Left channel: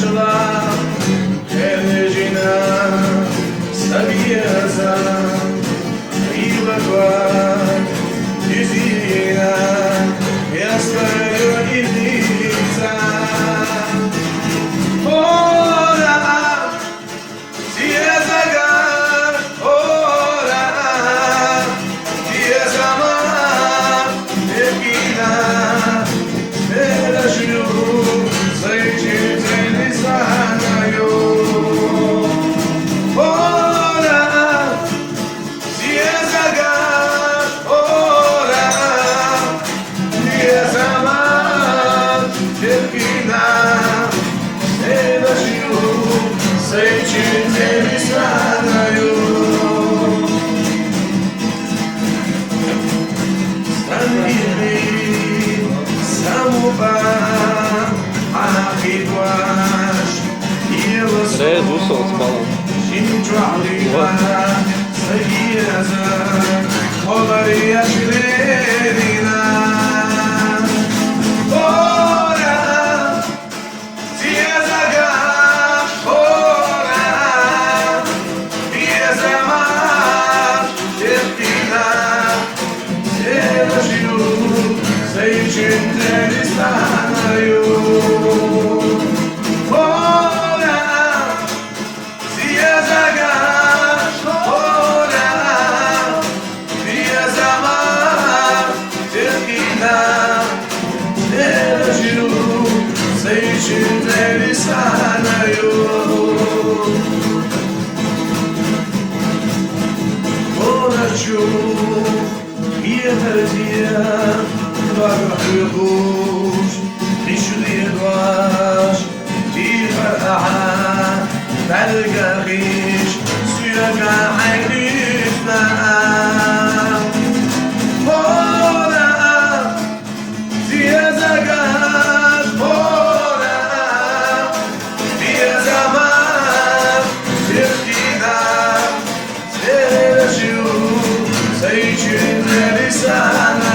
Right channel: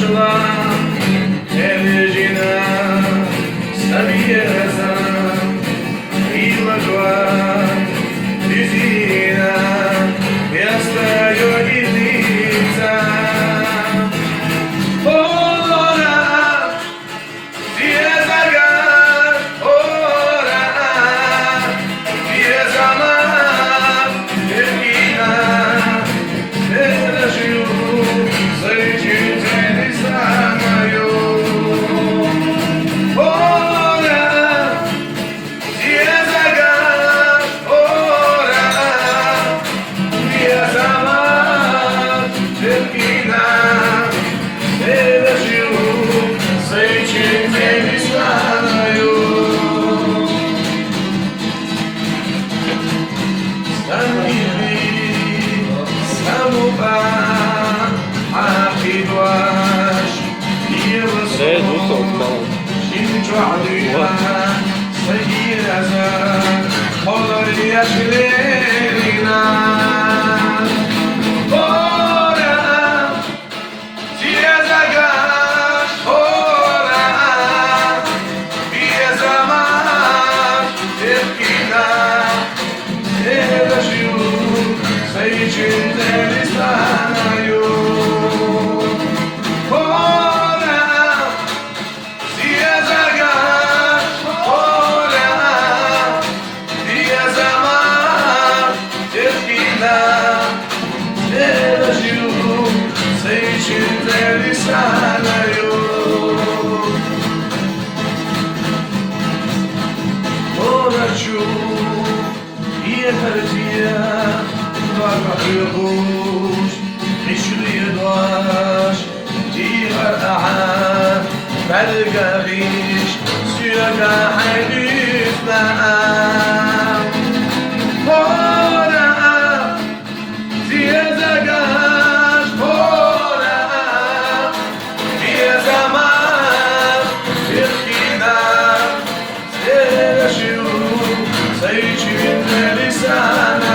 нашла Эрежина, Сабьеза, Ивагва, Лизина, я стою и лица. Ора, Сиезага, ора, Сиезама, Евгина, Эдажью, Зайчитель знаю. Ора, Сиезага, ора, Сиезама, Евгина, Эдажью, Зайчитель знаю. Belgarisch, Syrga, Heiligna. Ora, Siezagat, ora, Siezamat, Tirkina, Sergiu, Seichin, Elisana.